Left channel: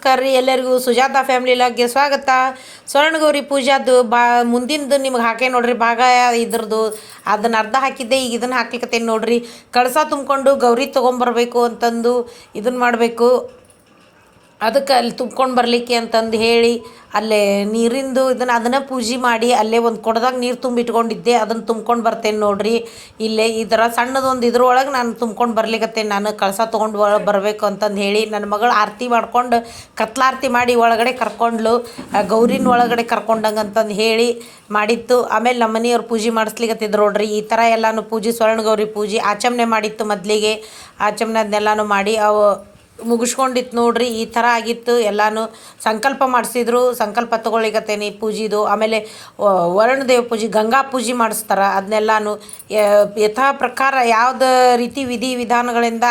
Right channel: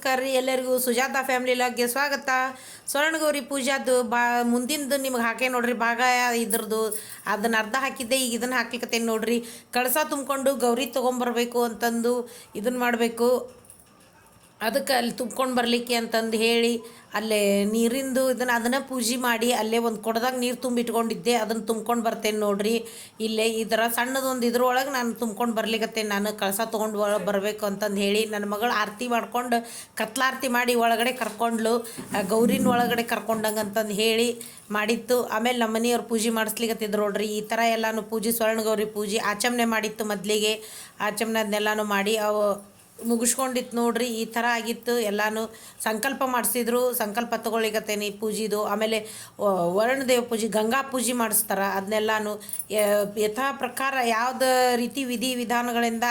ನಮಸ್ಕಾರ ರೀ. ಎಲ್ಲರಿಗೂ ಸುಜಾತ ಫ್ಯಾಮಿಲಿ ಲಾಗ್ಗೆ ಸ್ವಾಗತ. ಸ್ವರ್ಣಗೌರಿ ಪೂಜಾದು ಬಾ, ಮುಂದಿಂದು ನಿಮ್ಗೆ ಹಾಕೇ ನೋಡ್ರಿ. ಭಾಗ ಇದ್ರದ್ದು ಅದನ್ನ ಅರ್ಧ ಹಾಕಿದ್ದೆ, ಈಗ ಇದನ್ನು ಹಾಕ್ಲಿಕ್ಕತ್ತೇನೆ ನೋಡ್ರಿ. ಕಳಸ ತುಂಬಿಕೊಂಡು ಗೌರಿ ತೊಗೊಂಬರ್ಬೇಕು ಅಂತಂದು ಇದನ್ನು ಮಾಡಬೇಕು. ಅದಕ್ಕೆ ಅಲ್ಲಿ ತುಂಬ್ಕೊಂಡು ಬರಲಿಕ್ಕೆ ಅಂತಂದು ಹೇಳಿ ಅಲ್ಲೇ ನೀರಿಂದು ಇದನ್ನು ಅದನ್ನು ಪೂಜೆ ಮಾಡಿ ಅಲ್ಲೇ ಒಂದು ಕೊಡದಾಗ ನೀರು ತುಂಬಿಟ್ಕೊಂಡಿದ್ದೆ, ಅದನ್ನು ತುಂಬ್ಕೊಂಡು ಬರ್ತೇನೆ ನೋಡ್ರಿ. ಇಲ್ಲೇ ಈ ಥರ ಸಣ್ಣದೊಂದು ಇದ್ರೊಳಗೆ ನಾನು ತುಂಬ್ಕೊಂಡು ಬರ್ಲಿಕತ್ತೇನೆ, ನಾನು ಕಳಸ ತೊಗೊಂಡು ಬರಬೇಕು ಅಂತಂದು ಹೇಳಿ ನನ್ನ ಮಗಳು ಆರತಿ ಮಾಡ್ಕೊಂಡು ಕತ್ಲಾರತಿ ಮಾಡಿ ಒಳಗಡೆ ಕರ್ಕೊಂಡ್ಲು ಗೌರಿನ ಒಳಗಡೆ ಕರ್ಕೊಂಡಂಗೆ ಅಂತಂದು ಹೇಳಿ ಮಾಡಿತ್ತು. ಆಮೇಲೆ ನಮ್ಮ ಮನೆಯವ್ರು ಪೂಜೆ ಮಾಡಿಸ್ಲಿಕ್ಕತ್ತಿದ್ರು ನೋಡ್ರಿ. ಈ ಥರ ಎಲ್ಲನೂ ಪೂಜೆ ಸ್ವರ್ಣ ಗೌರಿ ಪೂಜೆ ಆಚಮನೆ ಮಾಡಿತ್ತು ಮೊದಲಿಗೆ. ಆಚಮನೆ ಅದನ್ನೆಲ್ಲನೂ ಮಾಡಿ ಅವು ಮುಗಿಸ್ಕೊಂಡಿತ್ತು ನೋಡ್ರಿ, ಈ ಥರ ಆಗಿತ್ತು. ಎಲ್ಲಾನು ಸಂಕಲ್ಪ ಮಾಡಿಸಿದ್ರು. ಸಂಕಲ್ಪ ತೊಗೊಳ್ಳಿಕತ್ತೇನಿ ಪೂಜಿದು. ಆಮೇಲೆ ವರುಣದೇವ ಪೂಜೆ, ಗಂಗಾ ಪೂಜೆ ಮಾಡಿಸ್ತಾರೆ. ಅದನ್ನೆಲ್ಲಾನು ಯಥಾ ಪ್ರಕಾರ ಯಾವುದು ರೀತಿ ವಿಧಿ ವಿಧಾನಗಳಿಂದ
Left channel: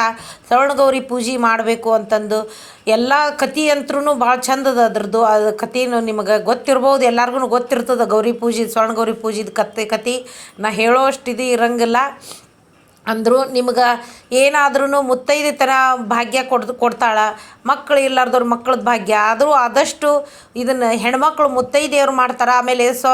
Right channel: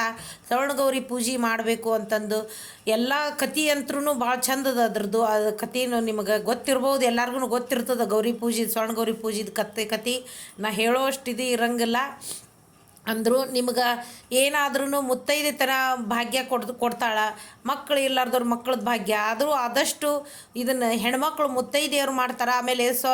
ಸವರ್ಣಗೌರಿ ಪೂಜೆ ಮಾಡಬೇಕು ಅಂತಂದು ಎಲ್ಲ ಕತಿ ಅಂತ್ರೂ ಭಾಳ ಚಂದದ ಅದ್ರದ್ದು. ಅದು ಕತಿನೂ ನಿಮಗೆ ಗೊತ್ತಿರ್ಬೋದು ಎಲ್ಲರಿಗೂ ಗೊತ್ತಿರ್ತದೆ ಗೌರಿ ಪೂಜೆ ಸ್ವರ್ಣ ಗೌರಿ ಪೂಜೆದು ಕತೆ ಕತಿ. ನಾ ಹೇಳೋ ಅಷ್ಟು ಇದು ಇರಂಗಿಲ್ಲ. ಅಂದರು ನಿಮ್ಗೆ ಏನಾದ್ರೂ ಮುತ್ತೈದೆ ಥರ ಭಾಗ್ಯ ಕೊಡ್ ಕೊಡ್ತಾಳೆ. ಮಕ್ಕಳು ಇರ್ಲಾರ್ದವ್ರ ಮಕ್ಳದ್ದು ಭಾಗ್ಯ. ಆದರೂ ಆದಷ್ಟು ಇದನ್ನು ಹೆಣ್ಮಕ್ಳು ಮುತ್ತೈದೆಯವರು ಮಾಡ್ತಾರೆ. ಆಮೇಲೆ ಸೊ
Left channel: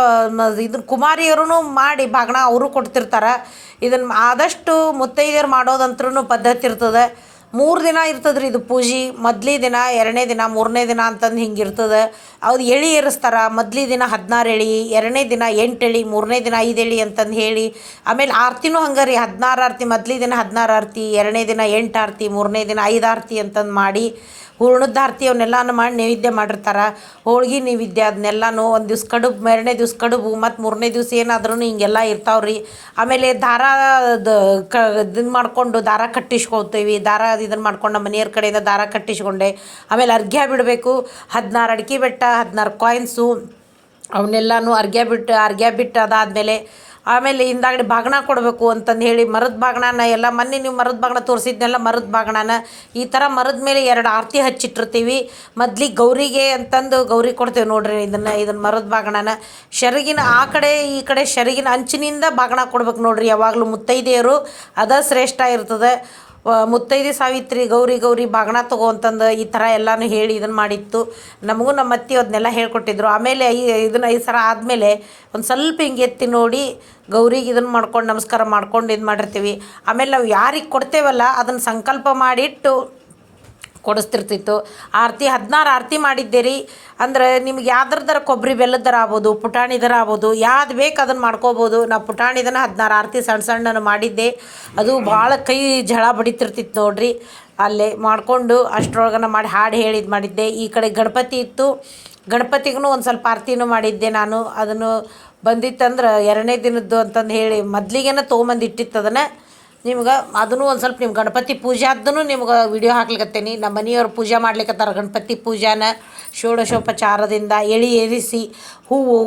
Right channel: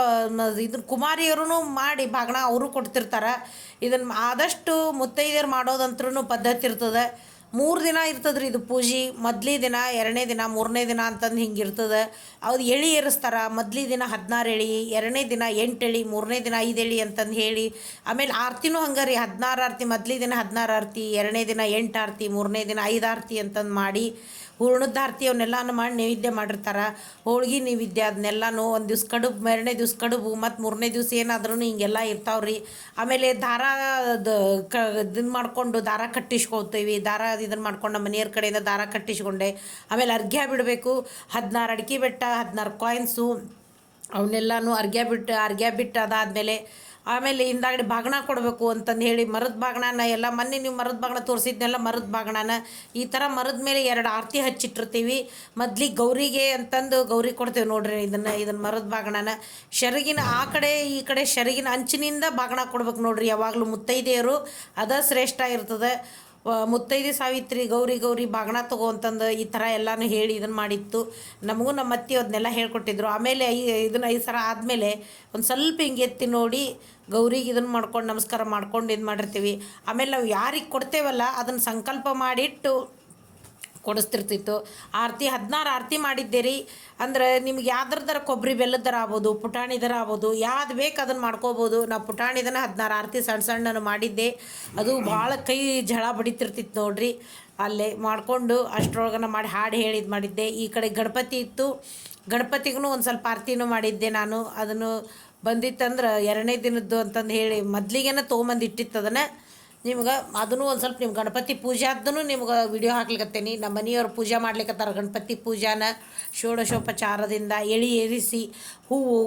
ಇದನ್ನು ಕುಮಾರಿಯವ್ರೂ ಮಾಡಿ ಭಾಗಣ ಅವರು ಕೊಡ್ತಿರ್ತಾರೆ. ಇದನ್ನು ಆದಷ್ಟು ಮುತ್ತೈದೆಯರು ಮಾಡೋದಂತ್ರೂ ಪದ್ಧತಿ ಇರ್ತದೆ. ಮೂರು ದಿನ ಇರ್ತದೆ ರೀ ಇದು ಪೂಜೆ. ಮೊದ್ಲಿ ದಿನ, ಎರಡನೇ ದಿನ, ಮೂರನೇ ದಿನ ಅಂತಂದು ಹಿಂಗೆ ಇರ್ತದೆ. ಅವ್ರು ಎಳಿ ಏರಿಸ್ತಾರೆ. ಮೊದ್ಲಿ ದಿನ ಹದಿನಾರು ಎಳಿ, ಎರಡನೇ ದಿನ ಎಂಟು ಎಳಿ, ಮೂರನೇ ದಿನ ಐದು ಎಳಿ ಅಂತಂದು ಹೇಳಿ. ಆಮೇಲೆ ಆರತಿನೂ ಹಂಗೆ ರೀ ಹದಿನಾರು ಆರತಿ, ಮೊದ್ಲಿ ದಿನ ಹದಿನಾರು ಆರತಿ, ಎರಡನೇ ದಿನ ಎಂಟು ಆರತಿ, ಮೂರನೇ ದಿನ ಐದು ಆರತಿ ಅಂತಂದು ಮಾಡಿ ಹೂರ್ಣದ ಆರತಿ ಅವನ್ನೆಲ್ಲನೂ ಮಾಡಿ ನೈವೇದ್ಯ ಮಾಡಿರ್ತಾರೆ. ಹೋಳ್ಗೆ ನೈವೇದ್ಯ ಅದನ್ನೆಲ್ಲನೂ ಒಂದು ದಿವ್ಸ ಕಡುಬು, ಎರಡನೇ ದಿವ್ಸ ಕಡುಬು, ಮತ್ತು ಮೂರನೇ ದಿವ್ಸ ಏನಾದ್ರೂ ಹಿಂಗೆಲ್ಲ ಇರ್ತಾವೆ ರೀ ಆಮೇಲೆ ದಾರ ಕ ಇದನ್ನು ಮಾಡಿಕೊಂಡು ದಾರ ಕಟ್ಟಿಸ್ಕೊಳ್ತೀವಿ. ದಾರ ಇದನ್ನು ಮಾಡ್ಕೊಂಡು ನಮ್ಮ ಮನೆಯವ್ರ ಕಡೆಯಿಂದ ದಾರ ಕಟ್ಟಿಸ್ಕೊಂಡೆ. ಆಮೇಲೆ ಅರ್ಘ್ಯ ಬಿಡಬೇಕು. ಹದಿನಾರು ಅಡಿಕೆ ಬೆಟ್ಟ, ಹದಿನಾರು ಕಾಯಿನ್ಸು ಅವನ್ನೆಲ್ಲನೂ ಅರ್ಘ್ಯ ಬಿಟ್ಟು ಅರ್ಘ್ಯ ಬಿಟ್ಟು ಅದಾದಮೇಲೆ ಆಮೇಲೆ ಹಿಂದಾಗಡೆ ಬಾಗಣ ಕೊಡಬೇಕು ಅಂತಂದು ಹೇಳಿ ಮರದ ಬಾಗಣನ ಎಲ್ಲ ಮೊನ್ನೆ ನೀವು ಮರದ ಬಾಗಣ ತೋರಿಸಿದ್ನೆಲ್ಲ, ಮರದ ಬಾಗಣನ ಈ ಥರ ಮರದ ಮೇಲೆ ಎರಡು ಆರತಿ ಹಚ್ಚಿಟ್ಟಿರ್ತೀವಿ. ಮೊದ್ಲಿಗೆ ಗೌರಿಗೆ ಅಂತಂದು ಗೌರಿ ಕೊಡ್ತೇವೆ ನೋಡ್ರಿ ಇದನ್ನು ಇದನ್ನು ಮರದ ಬಾಗಣನ ಶರಗಿನ ಆ ಕಡೆ, ಈ ಕಡೆ ಶರಗಿನ ಅಂಚಿನಿಂದ ಬಾಗಣ ಕೊಡ್ಬೇಕು ನೋಡ್ರಿ ಯಾವಾಗಲೂ ಮುತ್ತೈದೆಯರು. ಅದ ಶ್ರೇಷ್ಠ ಇರ್ತದೆ. ಮುತ್ತೈದೆ ಸಾವಿತ್ರಿ, ಗೌರಿ ಗೌರಿ ಬಾಗಣ ತಗೋ ಅಂತಂದು ಈ ಥರ ಎಲ್ಲನೂ ಹೇಳಿ ಇದನ್ನು ಮಾಡಿತ್ತು. ನಮಗೂ ನಮ್ಮ ಅತ್ತೆ ಅದನ್ನೆಲ್ಲ ಹೇಳ್ಕೊಟ್ಟಿದ್ರು. ಆಮೇಲೆ ಈ ಇದನ್ನು ಐದು ಸರ ಆದಮೇಲೆ ಒಂದು ಸ್ವಲ್ಪ ಹಿಂಗೆ ಎತ್ತಿ ನೋಡಿ ಗೌರಿಗೆ ಇದನ್ನು ಮಾಡ್ಕೊಂಡು ನಮಸ್ಕಾರ ಮಾಡ್ಕೊಂಡು ಇದು ಮಾಡಿರ್ತೀವಿ. ಆಮೇಲೆ ನಾವು ಯಾರಿಗೆ ಕೊಡ್ತೇವಲ್ಲ ಅದನ್ನು ಸಂಕಲ್ಪ ಮಾಡಿಟ್ಟು ಕೊಡಿಸ್ತಿರ್ತಿತ್ತು. ಆರತಿ ಹದಿನಾರು ಆರತಿ ಮಾಡಿದ್ದೀರಿ. ಅಂದರೆ ನಿಮ್ಗೆ ಯಾವ್ದ್ರದ್ದಾರ ಕೊಬ್ಬರಿ ಬೆಲ್ಲದರ ಆಗ್ಬೋದು ಪುಟಾಣಿದರ ಆಗ್ಬೋದು, ಯಾವ್ದು ಬೇಕು ಅದನ್ನು ಮಾಡ್ಕೋಬೋದು. ನಾವು ಪುಟಾಣಿದನ ಹದಿನಾರು ಆರತಿ ಸಣ್ಣ ಸಣ್ಣನ ಮಾಡಿದ್ದೆ. ಅದು ಭಾಳ ಕೈ ಝಳ ಬಡಿತಿರ್ತಿತ್ತು ನೋಡ್ರಿ. ಅಲ್ಲೇ ಮಾಡಿಕೊಂಡು ಅಷ್ಟ್ರೊಳಗನ ಮಾಡಿ ಹಾಡು ಹೇಳಿದ್ದು ಮಾಡಿದ್ದೆ. ಈ ಕಡೆ ಗಣಪತಿ ಇತ್ತು. ಗಣಪತಿಗೂ ಒಂದು ಸ್ವಲ್ಪ ಆರತಿನೂ ಮಾಡಿದ್ದೆ ನಾನು. ಅದನ್ನು ಬಂದಿತ್ತಂದ್ರೆ ಎರಡನೇ ದಿನದ್ದು ಅಂತಂದು ಹೇಳಿ ಮೊದ್ಲಿಗೇನ ತೊಗೊಂಬಂದು ಇಟ್ಟಿತ್ತು ಅದನ್ನು. ನಿಮ್ಗೆ ಅದನ್ನು ಒಂದು ಸ್ವಲ್ಪ ನಿಮ್ಮ ಗಣಪತಿ ಪೂಜೆ ಆದ್ದೂ ನಿಮ್ಗೆ ವಿಡಿಯೋ ಹಾಕ್ಲಿಕ್ಕತ್ತೇನೆ ನಮ್ಮ ಮನೆಯವ್ರು ಪೂಜೆ ಮಾಡ್ಲಿಕ್ಕತ್ತಾರ ಗಣಪತಿ ಪೂಜಾನ. ಷೋಡಶೋಪಚಾರದಿಂದ ಎಳಿ ಏರಿಸಿ, ಹೂವು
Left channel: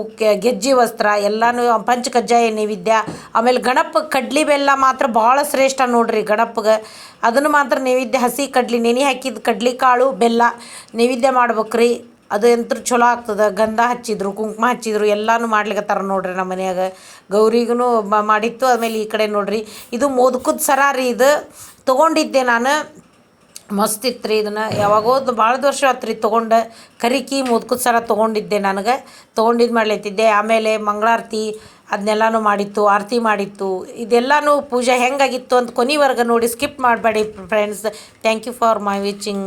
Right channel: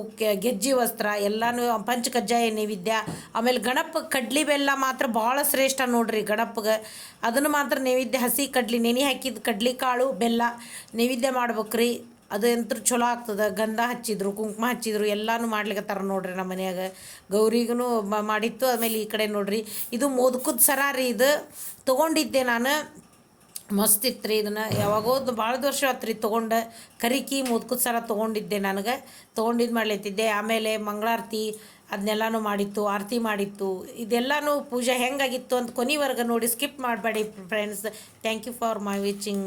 ಗೆಜ್ಜೆ ವಸ್ತ್ರ ಎಲ್ಲನೂ ಪಂಚಕಜ್ಜಾಯ ನೈವೇದ್ಯ. ಆಮೇಲೆ ಗಣಪ ಕಡ್ಲಿ ಬೆಲ್ಲ ಮಾತ್ರ ಭಾಳ ಶ್ರೇಷ್ಠ ನೋಡ್ರಿ ಗಣಪಗೆ. ಅದನ್ನು ಮಾತ್ರ ನೈವೇದ್ಯ ಹಸಿ ಕಡ್ಲಿ, ನೆನೆ ಹಾಕಿದ ಕಡ್ಲಿ ಕಾಳು, ಬೆಲ್ಲ ನೈವೇದ್ಯ ಮಾಡ್ಬೇಕ್ರಿ. ಅದು ಎಂತ್ರ ಚಲೋ ಆಗ್ತದೆ? ಗಂಧ ಹಚ್ಚಿದ್ರು, ಕುಂಕುಮ ಹಚ್ಚಿದ್ರು, ಎಲ್ಲಾನು ಮಾಡ್ಲಿಕತ್ತಾರ ನೋಡ್ರಿ ನಮ್ಮ ಮನ್ಯಾಗ. ಗೌರಿಗೂ ಮಾಡಿತ್ತು, ಆಮೇಲೆ ಈ ಕಡೆ ನೋಡ್ರಿ. ಇದು ಮೋದಕದ ಸರ ರೀ ಇದು. ತೊಗೊಂಡಿದ್ದೆ ನಾನು. ಮಸ್ತ್ ಇತ್ತು ರೀ ಇದನ್ನು. ಯಾವಾಗೋ ಭಾಳ ವರ್ಷ ಆತು ರೀ ತೊಗೊಂಡು. ಕರಿಕಿ ಮೋದಕದ ಸರ ತೊಗೊಂಡಿದ್ದೆ ನನಗೆ. ತೊಗೊಂಡಿದ್ದು ಮಾಡ್ಲತ್ತಿದ್ದೆ. ಆಮೇಲೆ ಮಂಗಳಾರತಿ ಅದನ್ನೆಲ್ಲನೂ ಮಾಡಿತ್ತು, ಆರತಿ ಮಾಡಿತ್ತು. ಇದೆಲ್ಲನೂ ಪೂಜೆ ಹೆಂಗಾಗಿತ್ತು ಅಂತ ಕೊನೆವರೆಗೆ ನೋಡಿ ಸ್ಕಿಪ್ ಮಾಡಬೇಡಿ friends. Thank you for my watching